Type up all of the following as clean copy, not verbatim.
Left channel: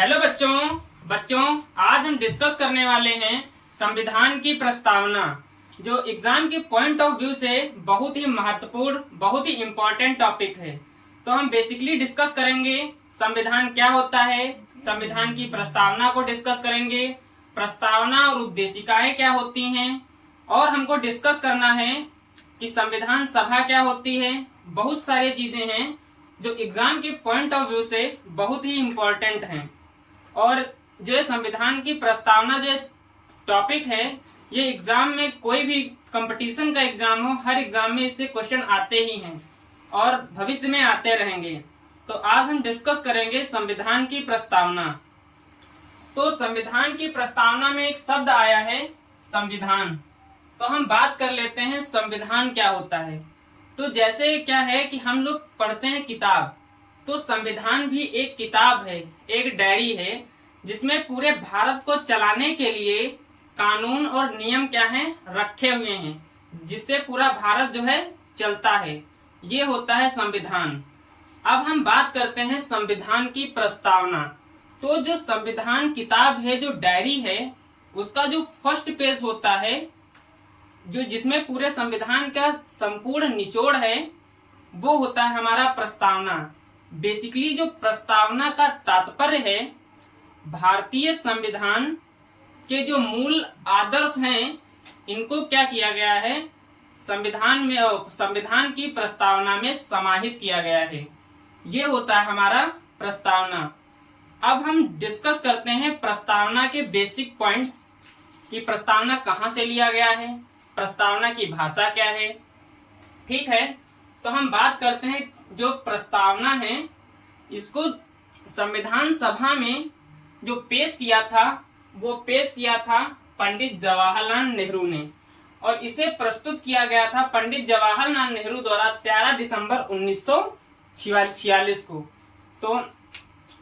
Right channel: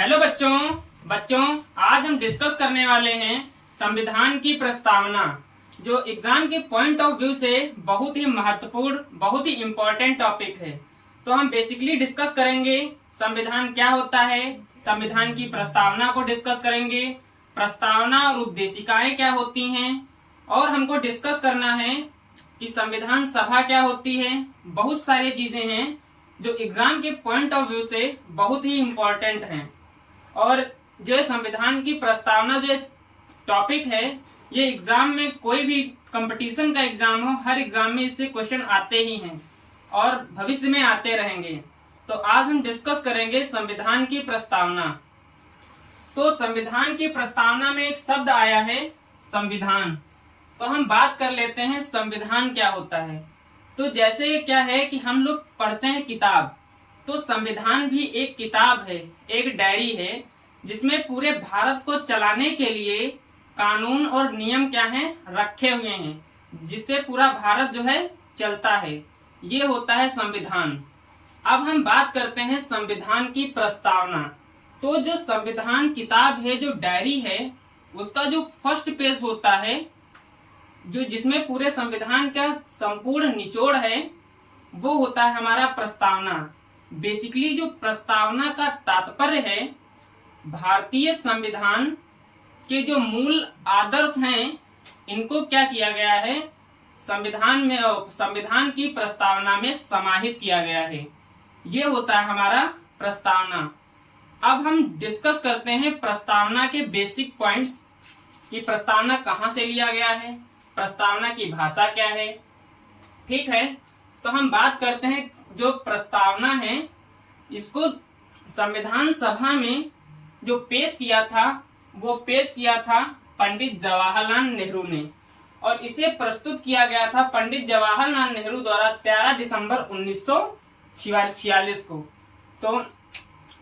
Hello बच्चों आज हम डिस्कस करने वाले हैं संविधान की प्रस्तावना, जो एग्जाम के पॉइंट ऑफ व्यू से बहुत ही महत्वपूर्ण, बहुत ही इम्पोर्टेंट टॉपिक है। तो हम बेसिकली डिस्कस करेंगे संविधान क्या होता है, संविधान की प्रस्तावना को डिस्कस करेंगे, प्रस्तावना और उद्देशिकाएं क्या होती हैं, और हमको डिस्कस करना है कि संविधान सभा क्या होती है। बहुत सारी चीजें हैं जो एग्जाम के पॉइंट ऑफ व्यू से बहुत ही इम्पोर्टेंट हैं। और जो संविधान की प्रस्तावना जो टॉपिक है, ये एग्जाम में कोई भी कंपटीशन का एग्जाम हो, हर एग्जाम में इससे क्वेश्चन आते ही हैं और भविष्य में आते रहेंगे। तो आज हम डिस्कस करेंगे संविधान की प्रस्तावना। तो संविधान की प्रस्तावना में एक शब्द आया है संविधान। तो हम बात कर लेते हैं संविधान क्या होता है। तो जैसे क्या है कि हम लोग पढ़ते हैं किताब, तो संविधान भी एक किताब है, एक डायरी है, जिसमें पूरे भारत को चलाने के लिए कानून और नियम क्या हैं रखे हुए हैं, जिससे पूरा भारत जो है चलता है। ये होता है संविधान। अब हम बात करते हैं संविधान की प्रस्तावना। तो जो संविधान किताब है, जो डायरी है, उसका जो फर्स्ट पेज होता है, जो जिसमें पूरे संविधान का संपूर्ण निचोड़ है, वो होता है हमारा प्रस्तावना। बेसिकली जो प्रस्तावना का तात्पर्य है, भारतीय संविधान के जो मूल आदर्श हैं, इनको क्या किया गया है, संविधान की प्रस्तावना में समाहित किया गया है। ये होता है हमारा प्रस्तावना। अब हम डिस्कस करते हैं प्रस्तावना के बेसिक पॉइंट्स कि प्रस्तावना कहाँ से लिया गया है, प्रस्तावना की भाषा क्या है। ठीक है, तो हम बात करते हैं जो प्रस्तावना है, इसको संविधान सभा में जो पेश किया था, वो पेश किया था पंडित जवाहरलाल नेहरू ने, और इसे प्रस्तुत किया गया था पंडित जवाहरलाल नेहरू द्वारा 13 दिसंबर 1946 को। तो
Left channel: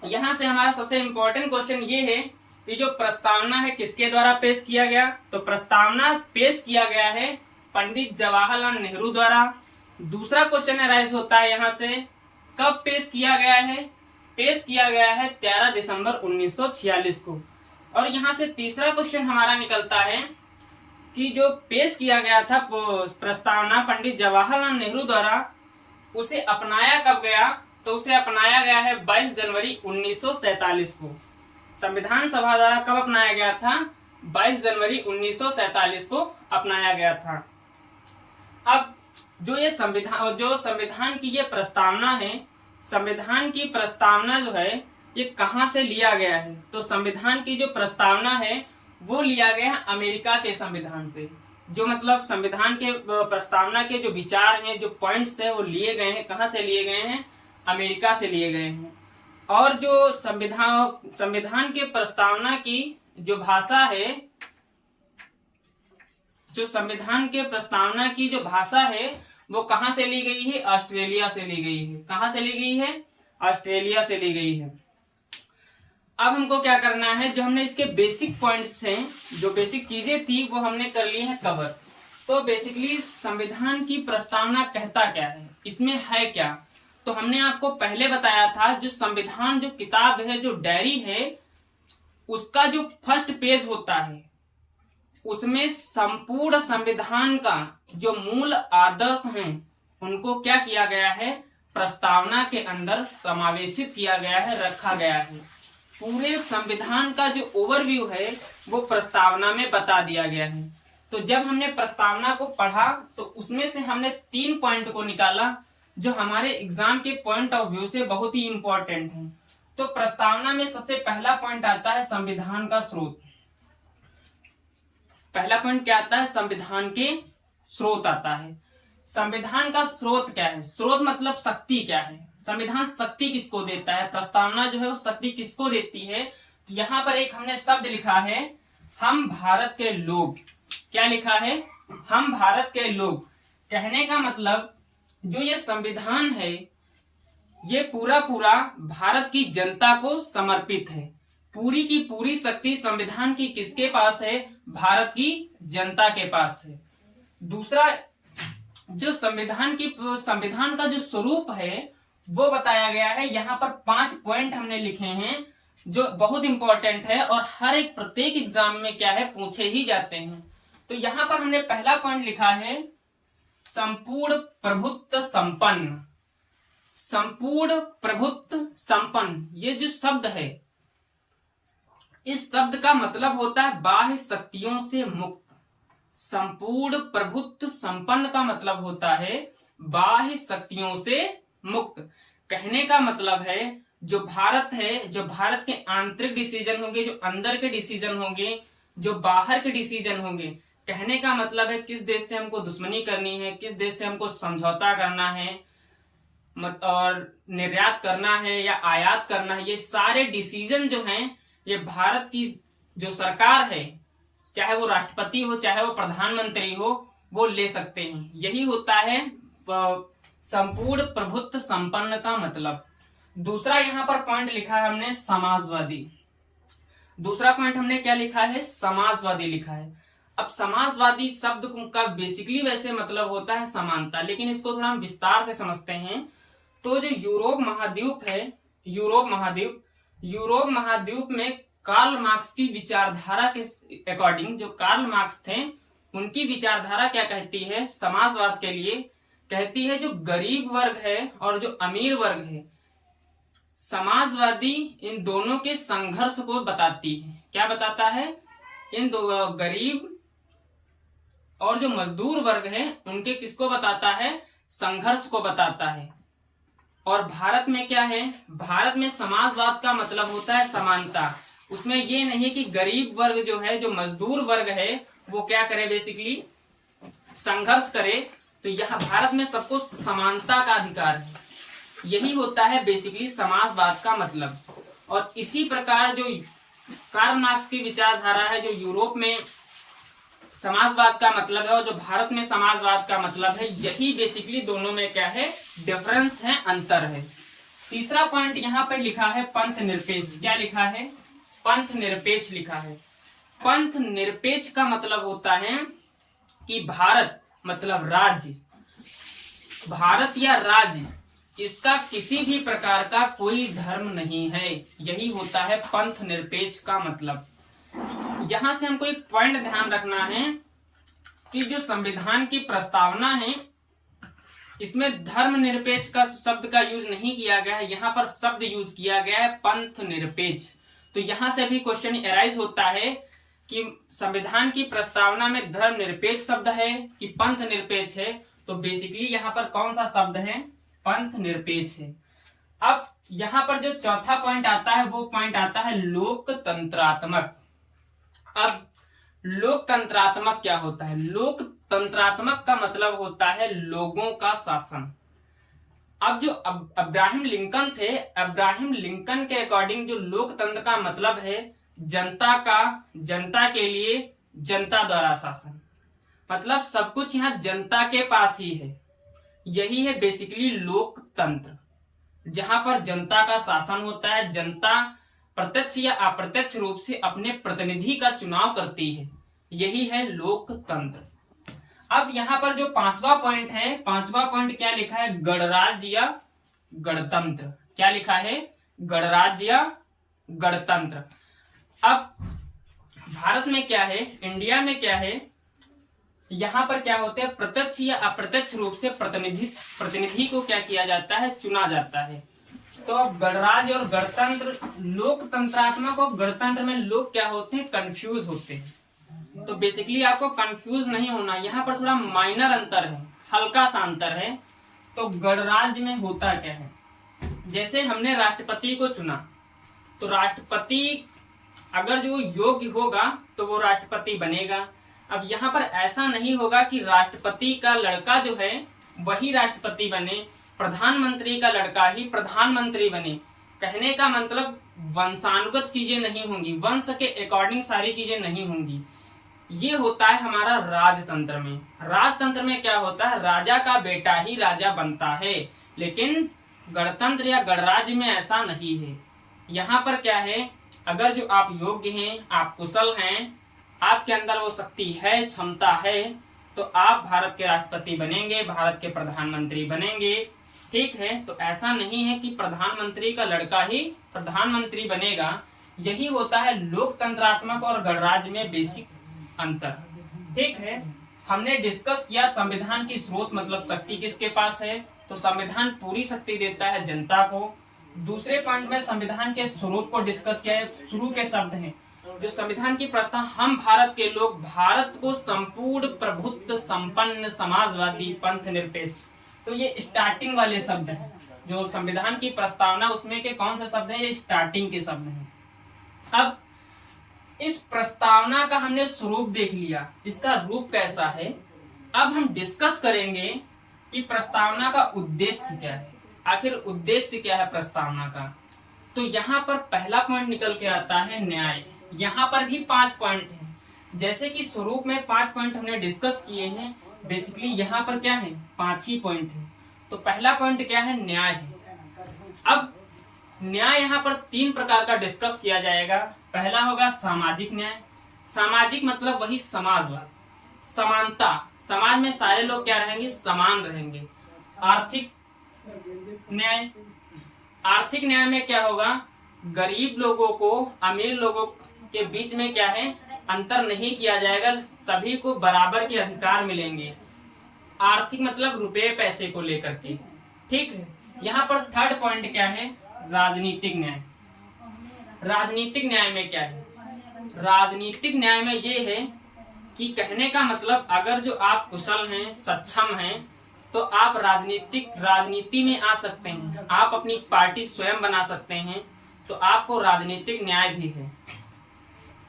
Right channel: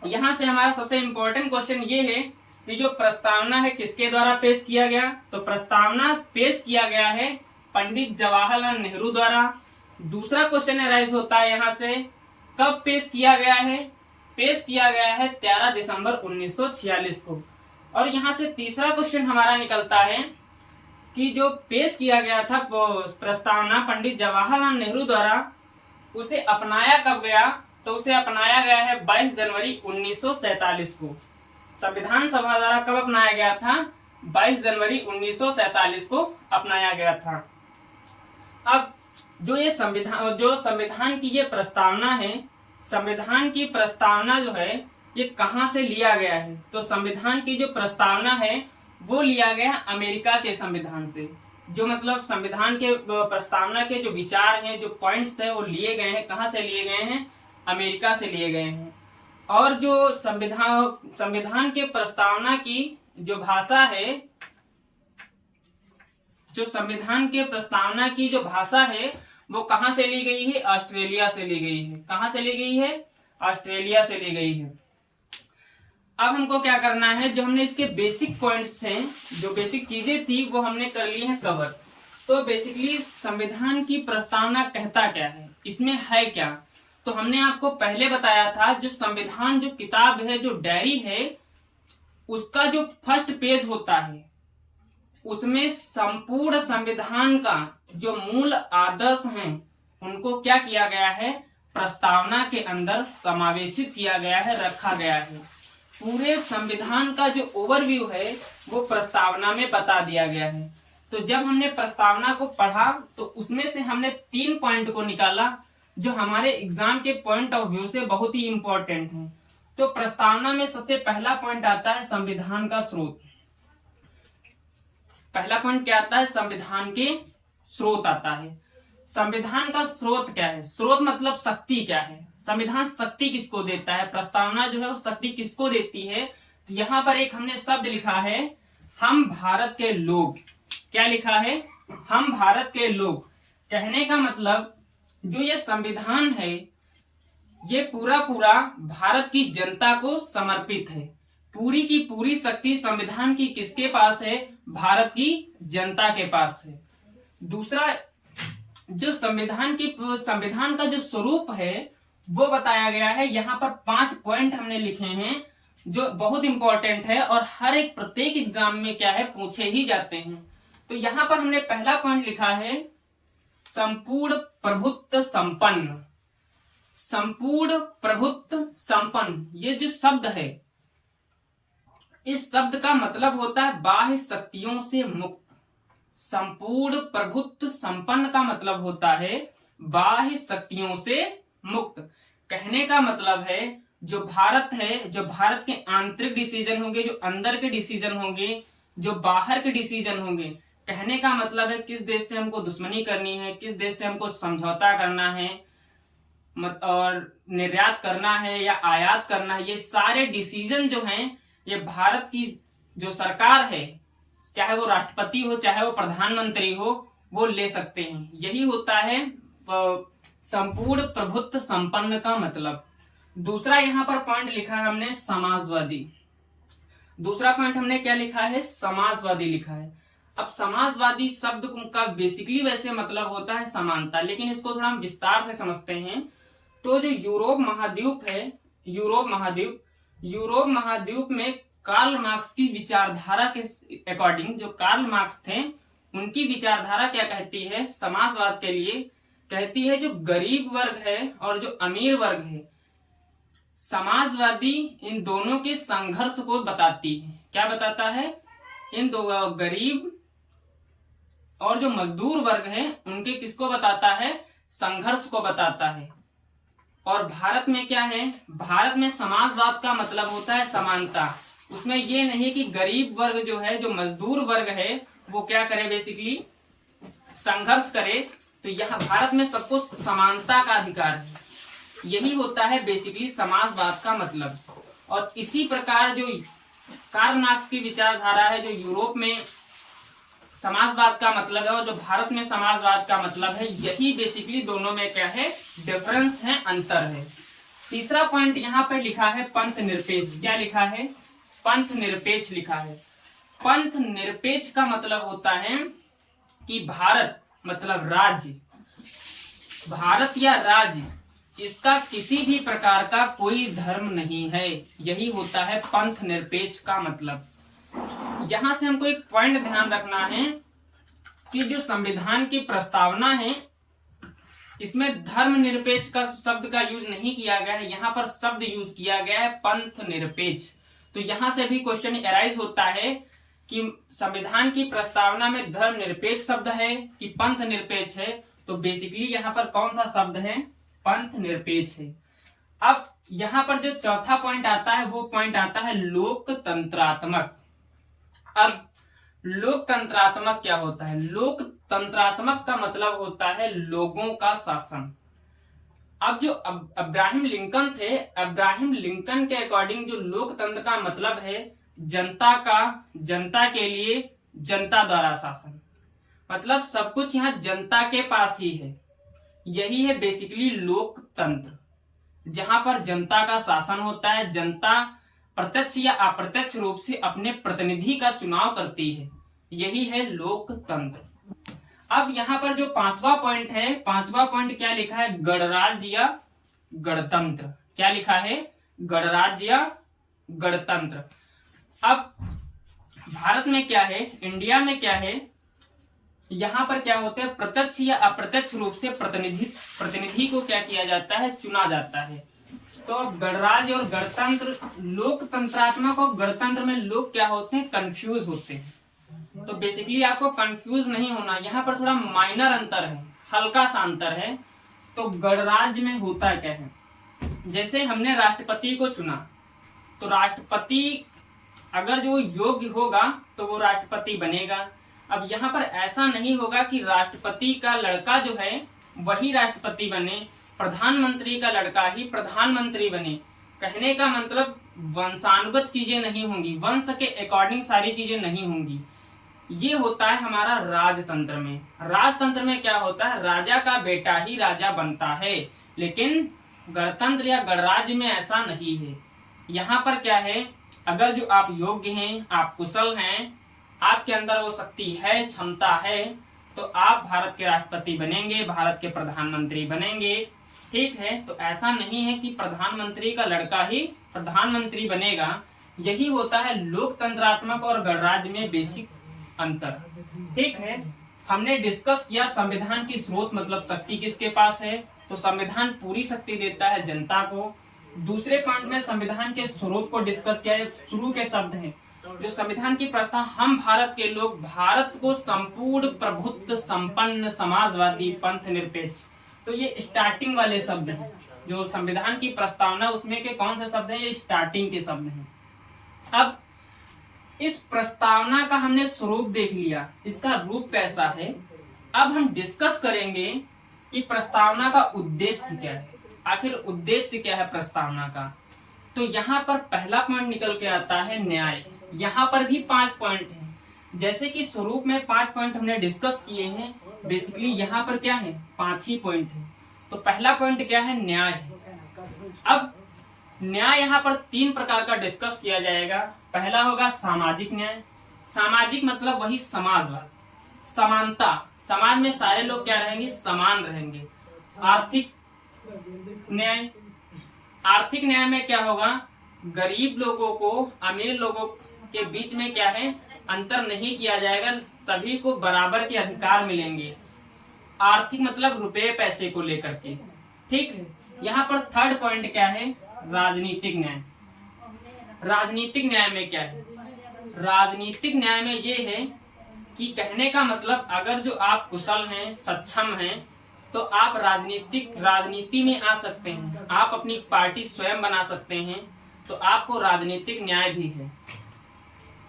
यहाँ से हमारा सबसे इम्पोर्टेंट क्वेश्चन ये है कि जो प्रस्तावना है किसके द्वारा पेश किया गया। तो प्रस्तावना पेश किया गया है पंडित जवाहरलाल नेहरू द्वारा। दूसरा क्वेश्चन अराइज होता है यहाँ से, कब पेश किया गया है। पेश किया गया है 13 दिसंबर 1946 को। और यहाँ से तीसरा क्वेश्चन हमारा निकलता है कि जो पेश किया गया था प्रस्तावना पंडित जवाहरलाल नेहरू द्वारा, उसे अपनाया कब गया। तो उसे अपनाया गया है 22 जनवरी 1947 को। संविधान सभा द्वारा कब अपनाया गया था, 22 जनवरी 1947 को अपनाया गया था। अब जो संविधान की ये प्रस्तावना है, संविधान की प्रस्तावना जो है ये कहाँ से लिया गया है। तो संविधान की जो प्रस्तावना है वो लिया गया है अमेरिका के संविधान से। जो मतलब संविधान के प्रस्तावना के जो विचार हैं, जो पॉइंट्स हैं, वो लिए गए हैं, कहाँ से लिए गए हैं, अमेरिका से लिए गए हैं। और जो संविधान के प्रस्तावना की जो भाषा है, जो संविधान के प्रस्तावना की जो भाषा है, वो कहाँ से ली गई है, ऑस्ट्रेलिया से ली गई है। कहाँ से ली गई है, ऑस्ट्रेलिया से ली गई है। अब हमको क्या करना है, जो हमने इसके बेसिक पॉइंट्स हैं, जो बेसिक चीजें थी, वो हमने कर ली है कवर। तो बेसिकली संविधान की प्रस्तावना कहता क्या है, इसमें है क्या। तो हमने आपको पहले बताया था, जो संविधान जो किताब है, जो डायरी है, उसका जो फर्स्ट पेज होता है, उसमें संपूर्ण संविधान का जो मूल आदर्श हैं, उनको क्या किया गया है, प्रस्तावना के अंदर समावेशित किया गया है, रखा गया है। पूरे संविधान का जो ओवरव्यू है वो प्रस्तावना में बता दिया गया है। तो जब हमने प्रस्तावना को पढ़ा, तो उसमें से हमने 3 पॉइंट को निकाला, जो हमारे एग्जाम के पॉइंट ऑफ व्यू से बहुत ही इंपॉर्टेंट है। तो प्रस्तावना में सबसे पहला पॉइंट आता है संविधान का स्रोत। पहला पॉइंट क्या आता है, संविधान के स्रोत आता है। संविधान का स्रोत क्या है, स्रोत मतलब शक्ति क्या है, संविधान शक्ति किसको देता है, प्रस्तावना जो है वो शक्ति किसको देती है। तो यहाँ पर एक हमने शब्द लिखा है, हम भारत के लोग। क्या लिखा है, हम भारत के लोग। कहने का मतलब जो ये संविधान है, ये पूरा भारत की जनता को समर्पित है। पूरी की पूरी शक्ति संविधान की किसके पास है, भारत की जनता के पास है। दूसरा, जो संविधान का जो स्वरूप है वो बताया गया है। यहाँ पर 5 पॉइंट हमने लिखे हैं, जो बहुत इंपॉर्टेंट है और हर एक प्रत्येक एग्जाम में क्या है पूछे ही जाते हैं। तो यहां पर हमने पहला पॉइंट लिखा है संपूर्ण प्रभुत्व संपन्न। संपूर्ण प्रभुत्व संपन्न, ये जो शब्द है, इस शब्द का मतलब होता है बाह्य शक्तियों से मुक्त। संपूर्ण प्रभुत्व संपन्न का मतलब होता है बाह्य शक्तियों से मुक्त। कहने का मतलब है जो भारत है, जो भारत के आंतरिक डिसीजन होंगे, जो अंदर के डिसीजन होंगे, जो बाहर के डिसीजन होंगे, कहने का मतलब है किस देश से हमको दुश्मनी करनी है, किस देश से हमको समझौता करना है और निर्यात करना है या आयात करना है, ये सारे डिसीजन जो हैं ये भारत की जो सरकार है, चाहे वो राष्ट्रपति हो चाहे वो प्रधानमंत्री हो, वो ले सकते हैं। यही होता है संपूर्ण प्रभुत्व संपन्न का मतलब। दूसरा यहाँ पर पॉइंट लिखा है हमने समाजवादी। दूसरा पॉइंट हमने क्या लिखा है? समाजवादी लिखा है। अब समाजवादी शब्द का बेसिकली वैसे मतलब होता है समानता, लेकिन इसको थोड़ा हम विस्तार से समझते हैं। तो जो यूरोप महाद्वीप है, यूरोप महाद्वीप में कार्ल मार्क्स की विचारधारा के अकॉर्डिंग, जो कार्ल मार्क्स थे उनकी विचारधारा क्या कहती है समाजवाद के लिए? कहती है जो गरीब वर्ग है और जो अमीर वर्ग है, समाजवादी इन दोनों के संघर्ष को बताती है। क्या बताता है? इन दो गरीब और जो मजदूर वर्ग है उनके किसको बताता है? संघर्ष को बताता है। और भारत में क्या है? भारत में समाजवाद का मतलब होता है समानता। उसमें ये नहीं कि गरीब वर्ग जो है, जो मजदूर वर्ग है, वो क्या करे, बेसिकली संघर्ष करे। तो यहाँ भारत में सबको समानता का अधिकार है। यही होता है बेसिकली समाजवाद का मतलब। और इसी प्रकार जो कार्ल मार्क्स की विचारधारा है, जो यूरोप में समाजवाद का मतलब है और जो भारत में समाजवाद का मतलब है, यही बेसिकली दोनों में क्या है? डिफरेंस है, अंतर है। तीसरा पॉइंट यहाँ पर लिखा है पंथ निरपेक्ष। क्या लिखा है? पंथ निरपेक्ष लिखा है। पंथ निरपेक्ष का मतलब होता है कि भारत मतलब राज्य, भारत या राज्य, इसका किसी भी प्रकार का कोई धर्म नहीं है। यही होता है पंथ निरपेक्ष का मतलब। यहां से हमको एक पॉइंट ध्यान रखना है कि जो संविधान की प्रस्तावना है, इसमें धर्म निरपेक्ष का शब्द का यूज नहीं किया गया है। यहाँ पर शब्द यूज किया गया है पंथ निरपेक्ष। तो यहां से भी क्वेश्चन एराइज होता है कि संविधान की प्रस्तावना में धर्म निरपेक्ष शब्द है कि पंथ निरपेक्ष है। तो बेसिकली यहाँ पर कौन सा शब्द है? पंथ निरपेक्ष है। अब यहाँ पर जो चौथा पॉइंट आता है वो पॉइंट आता है लोकतंत्रात्मक। अब लोकतंत्रात्मक क्या होता है? लोकतंत्रात्मक का मतलब होता है लोगों का शासन। अब जो अब्राहम लिंकन थे, अब्राहम लिंकन के अकॉर्डिंग जो लोकतंत्र का मतलब है जनता का, जनता के लिए, जनता द्वारा शासन। मतलब सब कुछ यहाँ जनता के पास ही है। यही है बेसिकली लोकतंत्र, जहां पर जनता का शासन होता है। जनता प्रत्यक्ष या अप्रत्यक्ष रूप से अपने प्रतिनिधि का चुनाव करती है। यही है लोकतंत्र। अब यहाँ पर जो पांचवा पॉइंट है, पांचवा पॉइंट क्या लिखा है? गणराज्य या गणतंत्र। क्या लिखा है? गणराज्य या गणतंत्र। अब भारत में क्या है, इंडिया में क्या है, यहाँ पर क्या होते हैं? प्रत्यक्ष या अप्रत्यक्ष रूप से प्रतिनिधि को क्या किया जाता है? चुना जाता है। तो अब गणराज्य और गणतंत्र, लोकतंत्रात्मक और गणतंत्र में लोग क्या होते हैं? कंफ्यूज होते हैं। तो बेसिकली आपको कंफ्यूज नहीं होना, यहाँ पर थोड़ा माइनर अंतर है, हल्का सा अंतर है। तो गणराज्य में होता क्या है? जैसे हमने राष्ट्रपति को चुना, तो राष्ट्रपति अगर जो योग्य होगा तो वो राष्ट्रपति बनेगा। अब यहाँ पर ऐसा नहीं होगा कि राष्ट्रपति का लड़का जो है वही राष्ट्रपति बने, प्रधानमंत्री का लड़का ही प्रधानमंत्री बने। कहने का मतलब वंशानुगत चीजें नहीं होंगी, वंश के अकॉर्डिंग सारी चीजें नहीं होंगी। ये होता है हमारा राजतंत्र में। राजतंत्र में क्या होता है? राजा का बेटा ही राजा बनता है। लेकिन गणतंत्र या गणराज्य में ऐसा नहीं है। यहाँ पर क्या है? अगर जो आप योग्य हैं, आप कुशल हैं, आपके अंदर वो शक्ति है, क्षमता है, तो आप भारत के राष्ट्रपति बनेंगे, भारत के प्रधानमंत्री बनेंगे। ठीक है, तो ऐसा नहीं है कि प्रधानमंत्री का लड़का ही प्रधानमंत्री बनेगा। यही होता है लोकतंत्रात्मक और गणराज्य में बेसिक अंतर। ठीक है, हमने डिस्कस किया संविधान की स्रोत मतलब शक्ति किसके पास है, तो संविधान पूरी शक्ति देता है जनता को। दूसरे पॉइंट में संविधान के स्वरूप को डिस्कस किया है। शुरू के शब्द हैं जो संविधान की प्रस्ताव, हम भारत के लोग भारत को संपूर्ण प्रभुत्व संपन्न समाजवादी पंथ निरपेक्ष, तो ये स्टार्टिंग वाले शब्द हैं जो संविधान की प्रस्तावना उसमें के कौन से शब्द हैं, ये स्टार्टिंग के शब्द हैं। अब इस प्रस्तावना का हमने स्वरूप देख लिया, इसका रूप कैसा है। अब हम डिस्कस करेंगे कि प्रस्तावना का उद्देश्य क्या है, आखिर उद्देश्य क्या है प्रस्तावना का। तो यहाँ पर पहला पॉइंट निकल के आता है न्याय। यहाँ पर भी 5 पॉइंट हैं, जैसे कि स्वरूप में 5 पॉइंट हमने डिस्कस किए हैं, बेसिकली यहाँ पर क्या है 5 ही पॉइंट है। तो पहला पॉइंट क्या है, न्याय है। अब न्याय यहाँ पर 3 प्रकार का डिस्कस किया जाएगा। पहला होगा सामाजिक न्याय। सामाजिक मतलब वही समाजवाद, समानता, समाज में सारे लोग क्या रहेंगे, समान रहेंगे। आर्थिक न्याय, आर्थिक न्याय में क्या होगा, गरीब लोगों को अमीर लोगों के बीच में क्या है अंतर नहीं किया जाएगा, सभी को बराबर के अधिकार मिलेंगे। आर्थिक मतलब रुपए पैसे को लेकर के। ठीक है, यहाँ पर थर्ड पॉइंट क्या है, राजनीतिक न्याय। राजनीतिक न्याय में क्या है, राजनीतिक न्याय में ये है कि कहने का मतलब अगर जो आप कुशल हैं, सक्षम हैं, तो आप राजनीति में आ सकते हैं, आप अपनी पार्टी स्वयं बना सकते हैं, तो आपको राजनीतिक न्याय भी है।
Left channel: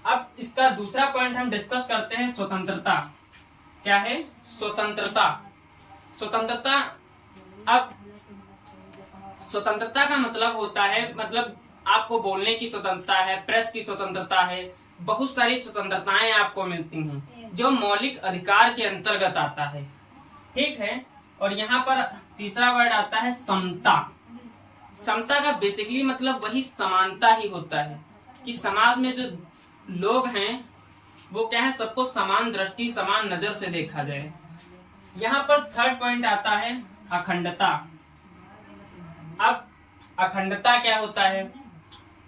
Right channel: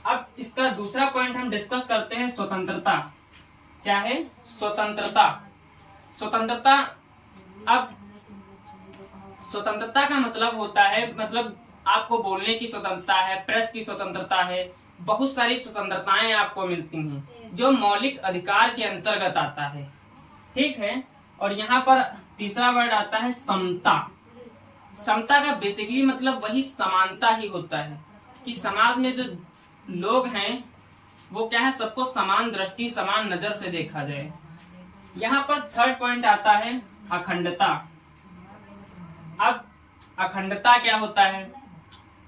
अब इसका दूसरा पॉइंट हम डिस्कस करते हैं स्वतंत्रता। क्या है, स्वतंत्रता। स्वतंत्रता, अब स्वतंत्रता का मतलब होता है, मतलब आपको बोलने की स्वतंत्रता है, प्रेस की स्वतंत्रता है, बहुत सारी स्वतंत्रताएं आपको मिलती हैं जो मौलिक अधिकार के अंतर्गत आता है। ठीक है, और यहाँ पर तीसरा वर्ड आता है समता। समता का बेसिकली मतलब वही समानता ही होता है कि समाज में जो लोग हैं वो क्या है, सबको समान दृष्टि समान नजर से देखा जाए। यहाँ पर थर्ड पॉइंट आता है अखंडता। अब अखंडता क्या होता है,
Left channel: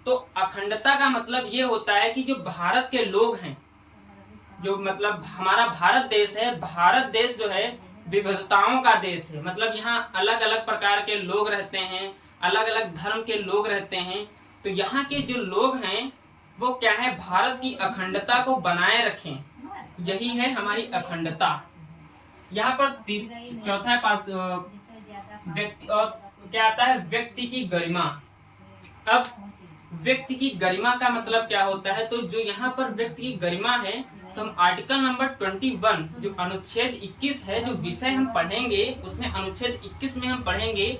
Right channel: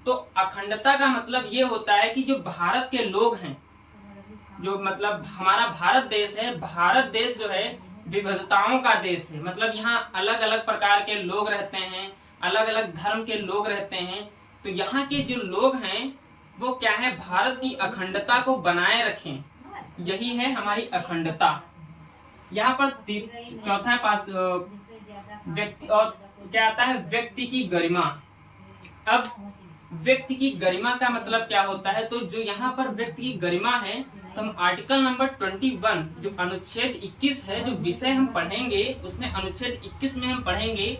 तो अखंडता का मतलब ये होता है कि जो भारत के लोग हैं, जो मतलब हमारा भारत देश है, भारत देश जो है विविधताओं का देश है, मतलब यहाँ अलग अलग प्रकार के लोग रहते हैं, अलग अलग धर्म के लोग रहते हैं, तो यहाँ के जो लोग हैं वो क्या है, भारत की अखंडता को बनाए रखें, यही है हमारी अखंडता। यहाँ पर चौथा व्यक्ति, और क्या आता है, व्यक्ति की गरिमा। अब व्यक्ति की गरिमा का मतलब क्या होता है, तो जो यहाँ पर व्यक्ति की गरिमा है, तो हम आर्टिकल नंबर 21 जो अनुच्छेद 21 है, जो विषय हम पढ़ेंगे उसमें अनुच्छेद 21 में हम पढ़ेंगे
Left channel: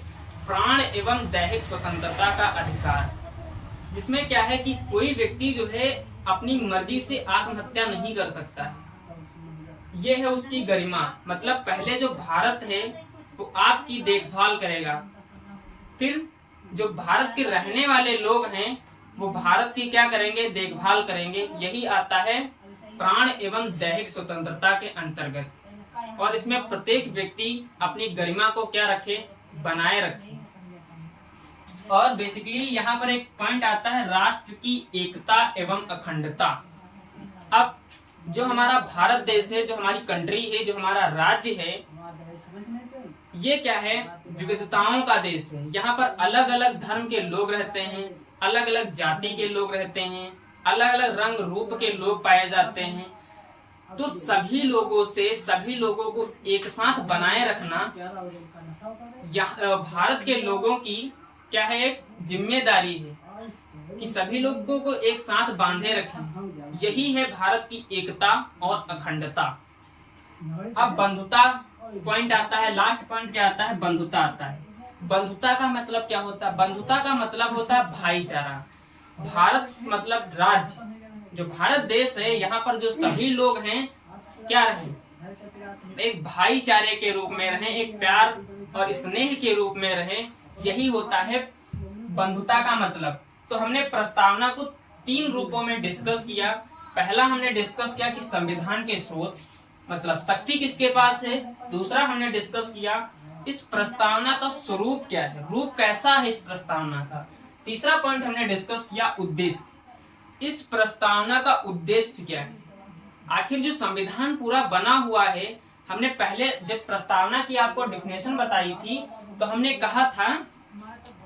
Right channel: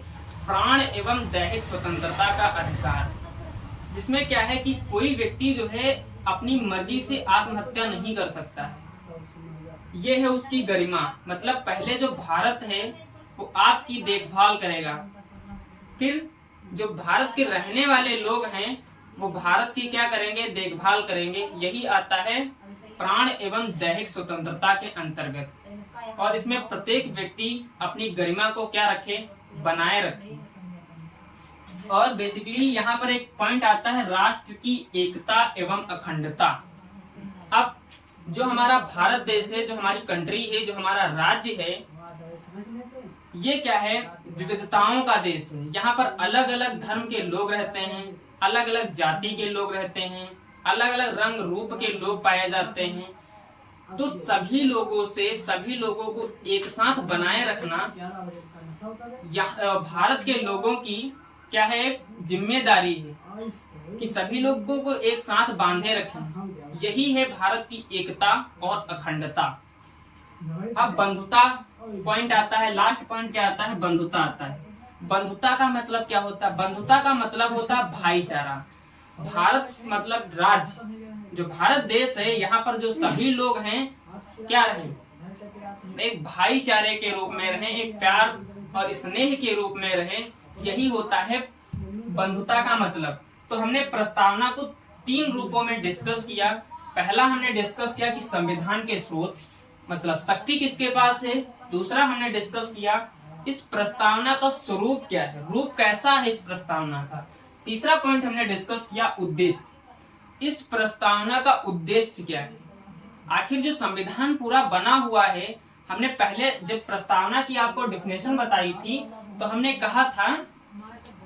प्राण एवं दैहिक स्वतंत्रता का अधिकार, जिसमें क्या है कि कोई व्यक्ति जो है अपनी मर्जी से आत्महत्या नहीं कर सकता है, ये है उसकी गरिमा। मतलब पहले जो भारत है वो आपकी देखभाल करेगा, फिर जो भारत के रहने वाले लोग हैं वो भारत की क्या करेंगे, देखभाल करेंगे, यही आता है प्राण एवं दैहिक स्वतंत्रता के अंतर्गत। और इसमें प्रत्येक व्यक्ति अपनी गरिमा को क्या रखे, बनाए रखे। और बेसिकली यहाँ पर एक पॉइंट आता है राष्ट्र की एकता एवं अखंडता। अब जो हमारा भारत देश है, जो हमारी कंट्री है, जो हमारा राज्य है, ये क्या है, विविधताओं का देश है। यहाँ पर अलग अलग धर्म के लोग रहते हैं, अलग अलग जाति के लोग रहते हैं, अलग अलग रंग रूप के लोग पाए जाते हैं। तो सभी लोगों को एक साथ बनाए रखना भारत के लोगों की क्या है, एक जिम्मेदारी है कि सभी लोगों को एक साथ बांधे रखें, यही है भारत की एकता और अखंडता। अब बंधुता पॉइंट आता है, लास्ट पॉइंट क्या आता है, बंधुता आता है। बंधुता का मतलब क्या होता है, बंधुता का मतलब होता है भाईचारा। भारत मतलब राज्य, जो भारत देश है, यहाँ पर जो सभी लोग हैं क्या रहे, एक भाईचारे के रूप में रहे, एक प्यार और स्नेह के रूप में रहे, यही होता है बंधुता का मतलब। तो हमने प्रस्तावना को 3 रूपों में डिस्कस किया। पहला हमने डिस्कस किया कि संविधान के स्रोत मतलब शक्ति किसके पास है। दूसरा हमने डिस्कस किया इस प्रस्तावना का स्वरूप क्या है, रूप कैसा है इस प्रस्तावना का। तीसरा पॉइंट हमने डिस्कस किया उद्देश्य, इस प्रस्तावना का उद्देश्य क्या है। आखिर जो संविधान पूरा बना हुआ है, हमने पहले जब प्रस्तावना की आपको डेफिनेशन बताई थी तो हमने कहा था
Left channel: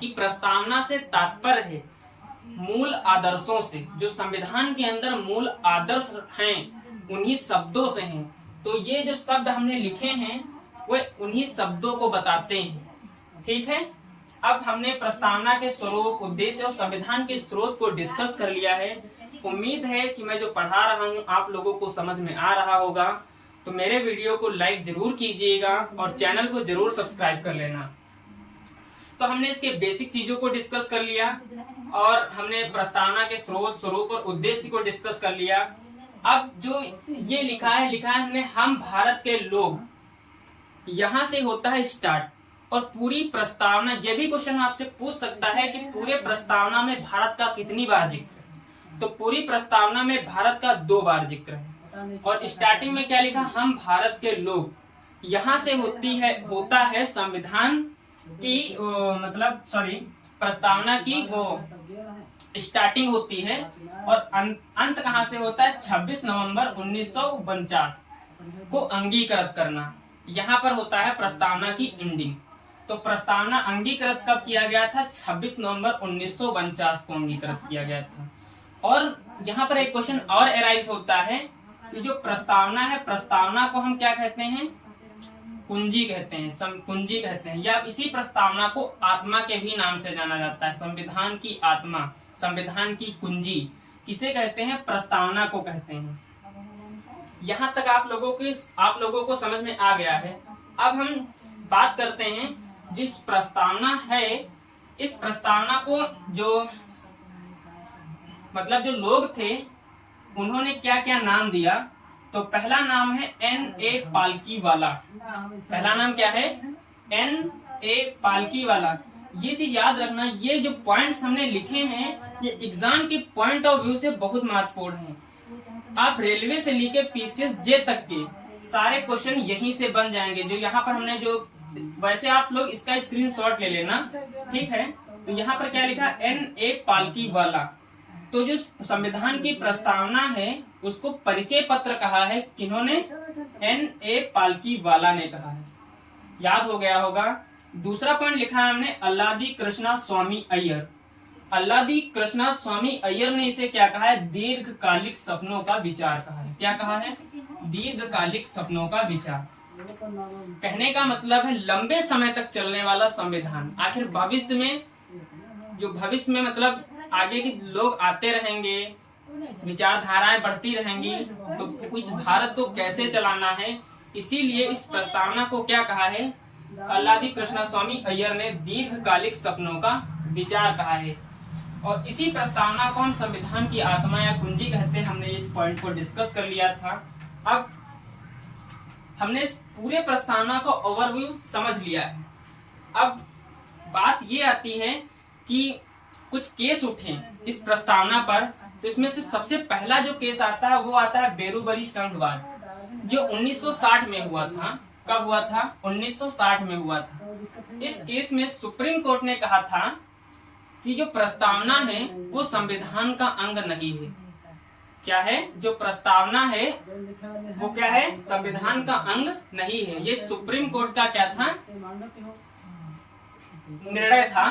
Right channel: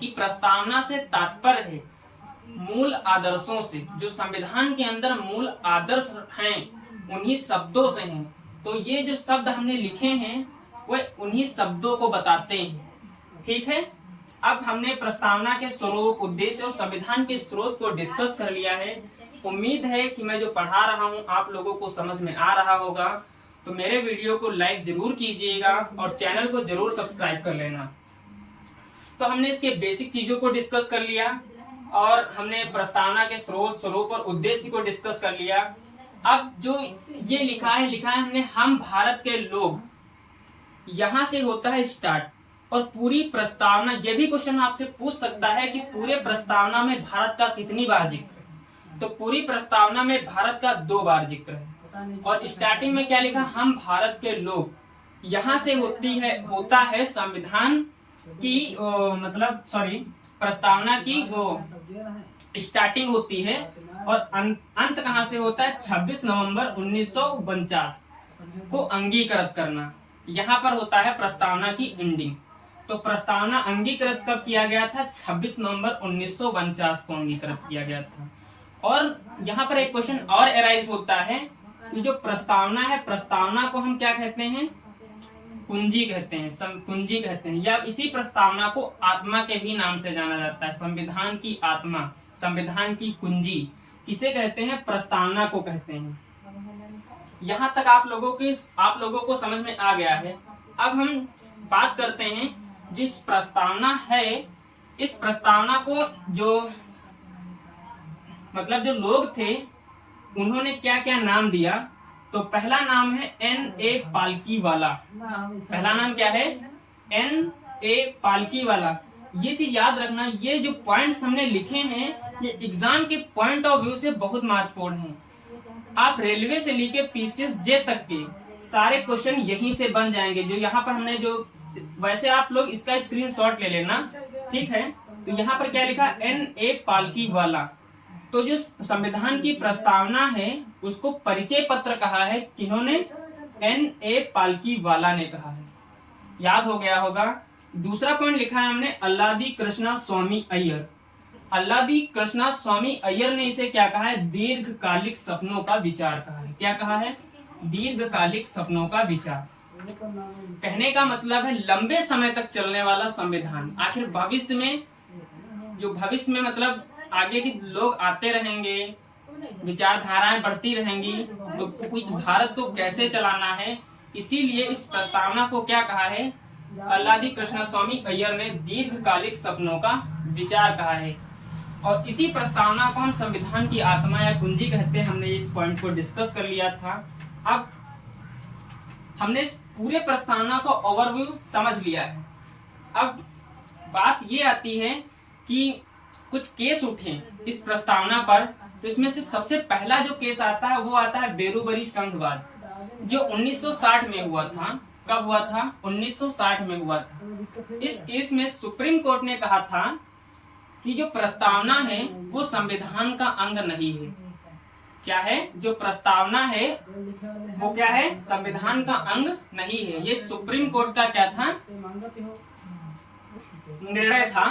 कि प्रस्तावना से तात्पर्य है मूल आदर्शों से। जो संविधान के अंदर मूल आदर्श हैं उन्हीं शब्दों से हैं। तो ये जो शब्द हमने लिखे हैं वो उन्हीं शब्दों को बताते हैं। ठीक है, अब हमने प्रस्तावना के स्वरूप, उद्देश्य और संविधान के स्रोत को डिस्कस कर लिया है। उम्मीद है कि मैं जो पढ़ा रहा हूँ आप लोगों को समझ में आ रहा होगा। तो मेरे वीडियो को लाइक जरूर कीजिएगा और चैनल को जरूर सब्सक्राइब कर लेना। तो हमने इसके बेसिक चीजों को डिस्कस कर लिया और हमने प्रस्तावना के स्रोत, स्वरूप और उद्देश्य को डिस्कस कर लिया। अब जो ये लिखा है हमने, हम भारत के लोग, यहाँ से होता है स्टार्ट। और पूरी प्रस्तावना, ये भी क्वेश्चन आपसे पूछ सकता है कि पूरे प्रस्तावना में भारत का कितनी बार जिक्र है। तो पूरी प्रस्तावना में भारत का 2 बार जिक्र है। और स्टार्टिंग में क्या लिखा, हम भारत के लोग। यहाँ से होता है संविधान की प्रस्तावना की वो स्टार्टिंग होती है। और अंत कहाँ से होता है, 26 नवंबर 1949 को अंगीकृत करना। यहाँ पर होता है प्रस्तावना की एंडिंग। तो प्रस्तावना अंगीकृत कब किया गया था, 26 नवंबर 1949 को अंगीकृत किया गया था। और यहाँ पर एक क्वेश्चन और एराइज होता है कि जो प्रस्तावना है, प्रस्तावना को हम क्या कहते हैं, कुंजी कहते हैं, कुंजी कहते हैं। या इसी प्रस्तावना को आत्मा के भी नाम से जाना जाता है। संविधान की आत्मा, संविधान की कुंजी किसे कहते हैं, प्रस्तावना को कहते हैं। यहाँ तक आप लोगों को समझ में आ गया है। अब हम बात करते हैं जिस प्रस्तावना है, इस प्रस्तावना को जो लोग थे उन्होंने क्या क्या नाम दिया। तो पहला नाम है N.A. पालकीवाला। पहला नाम क्या है, N.A. पालकीवाला। ये चीज याद रखना, ये जो पॉइंट्स हमने लिखे हैं ये एग्जाम के पॉइंट ऑफ व्यू से बहुत महत्वपूर्ण हैं। आप रेलवे से लेके PCS J तक के सारे क्वेश्चन यहीं से बन जाएंगे। जो यहाँ पर हमने वैसे आप लोग इसका स्क्रीनशॉट ले लेना, ठीक है। तो यहाँ पर क्या लिखा, N.A. पालकीवाला। तो जो संविधान की प्रस्तावना है उसको परिचय पत्र कहा है किन्होंने, N.A. पालकीवाला ने कहा है। याद हो गया होगा। दूसरा पॉइंट लिखा है हमने, अल्लादी कृष्णा स्वामी अय्यर। अल्लादी कृष्णा स्वामी अय्यर ने इसे क्या कहा है, दीर्घकालिक सपनों का विचार कहा है। क्या कहा है, दीर्घकालिक सपनों का विचार। कहने का मतलब है लंबे समय तक चलने वाला संविधान। आखिर भविष्य में मतलब आगे के लोग आते रहेंगे, विचारधाराएं बढ़ती रहेंगी, तो कुछ भारत को कैसे चलाना है, इसीलिए इस प्रस्तावना को क्या कहा है, अल्लादी कृष्णा स्वामी अय्यर ने दीर्घकालिक सपनों का विचार कहा है। और इसी प्रस्तावना को हम संविधान की आत्मा या कुंजी कहते हैं। हमने इस पॉइंट को डिस्कस कर लिया था। अब हमने इस पूरे प्रस्तावना को ओवरव्यू समझ लिया है। अब बात ये आती है कि कुछ केस उठे इस प्रस्तावना पर। तो इसमें से सबसे पहला जो केस आता है वो आता है बेरूबरी संघवाद, जो 1960 में हुआ था। कब हुआ था, 1960 में हुआ था। इस केस में सुप्रीम कोर्ट ने कहा था कि जो प्रस्तावना है वो संविधान का अंग नहीं है। क्या है, जो प्रस्तावना है वो क्या है, संविधान का अंग नहीं है। ये सुप्रीम कोर्ट का क्या था, निर्णय था।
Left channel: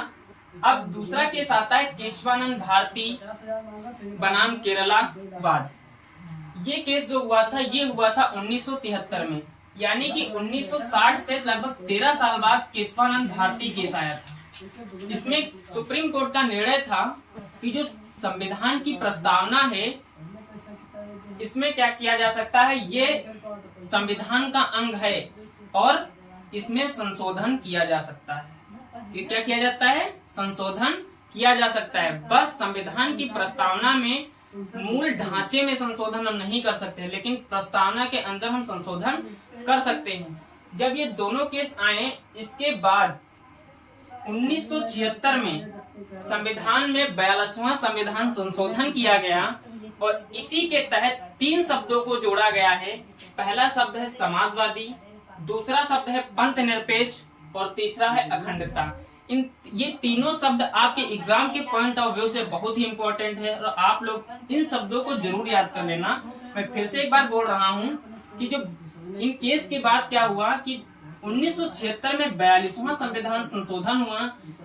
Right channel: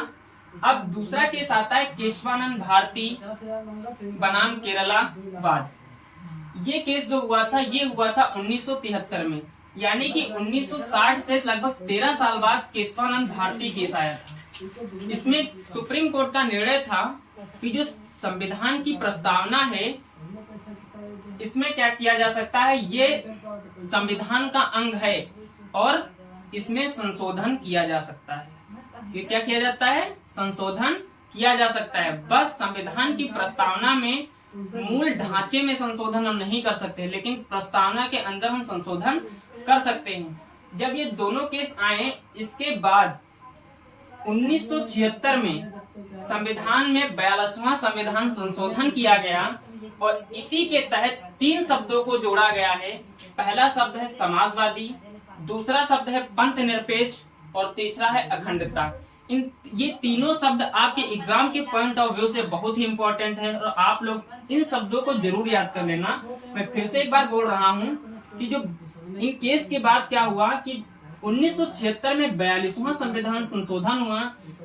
अब दूसरा केस आता है केशवानंद भारती बनाम केरला वाद। ये केस जो हुआ था ये हुआ था 1973 में, यानी कि 1960 से लगभग 13 साल बाद केशवानंद भारती केस आया था। इसमें सुप्रीम कोर्ट का निर्णय था कि जो संविधान की प्रस्तावना है इसमें क्या किया जा सकता है, ये संविधान का अंग है और इसमें संशोधन किया जा सकता है। क्या किया जाता है, संशोधन किया जा सकता है। बस संविधान की प्रस्तावना में मूल ढांचे में संशोधन हम नहीं कर सकते, लेकिन प्रस्तावना के अंदर हम संशोधन कर सकते हैं। जब ये दोनों केस आए, इसके बाद 1976 में संविधान में 42वां संविधान संशोधन किया गया और इसी के तहत 3 शब्दों को जोड़ा गया है। पहला शब्द है समाजवादी, दूसरा शब्द है पंथ निरपेक्ष और तीसरा है अखंडता। ये तीनों शब्द आपके एग्जाम के पॉइंट ऑफ व्यू से बहुत ही इंपॉर्टेंट है और आप लोग इन शब्दों को जरूर याद कर लेना। मैं फिर से एक बार बोल रहा हूँ कि जो इन केस के बाद क्या हुआ कि 1976 में 42वां संविधान संशोधन हुआ,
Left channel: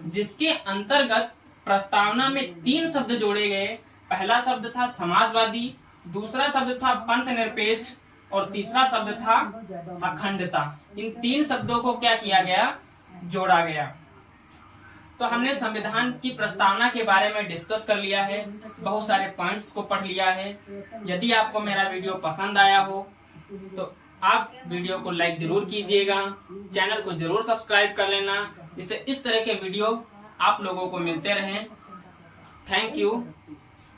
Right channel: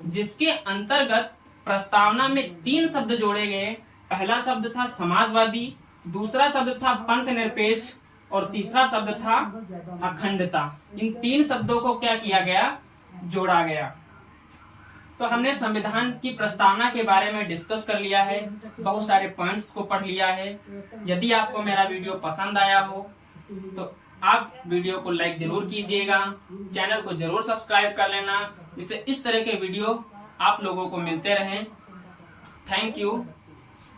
जिसके अंतर्गत प्रस्तावना में 3 शब्द जोड़े गए। पहला शब्द था समाजवादी, दूसरा शब्द था पंथ निरपेक्ष और तीसरा शब्द था अखंडता। इन 3 शब्दों को क्या किया गया, जोड़ा गया। तो हमने संविधान की प्रस्तावना के बारे में डिस्कस कर लिया है, बहुत सारे पॉइंट्स को पढ़ लिया है। यदि आपको मेरा वीडियो पसंद आया हो तो आप वीडियो को लाइक जरूर कीजिएगा, चैनल को जरूर सब्सक्राइब कर लेना, जिससे इस तरह के वीडियो आप लोगों को मिलते रहें। Thank you.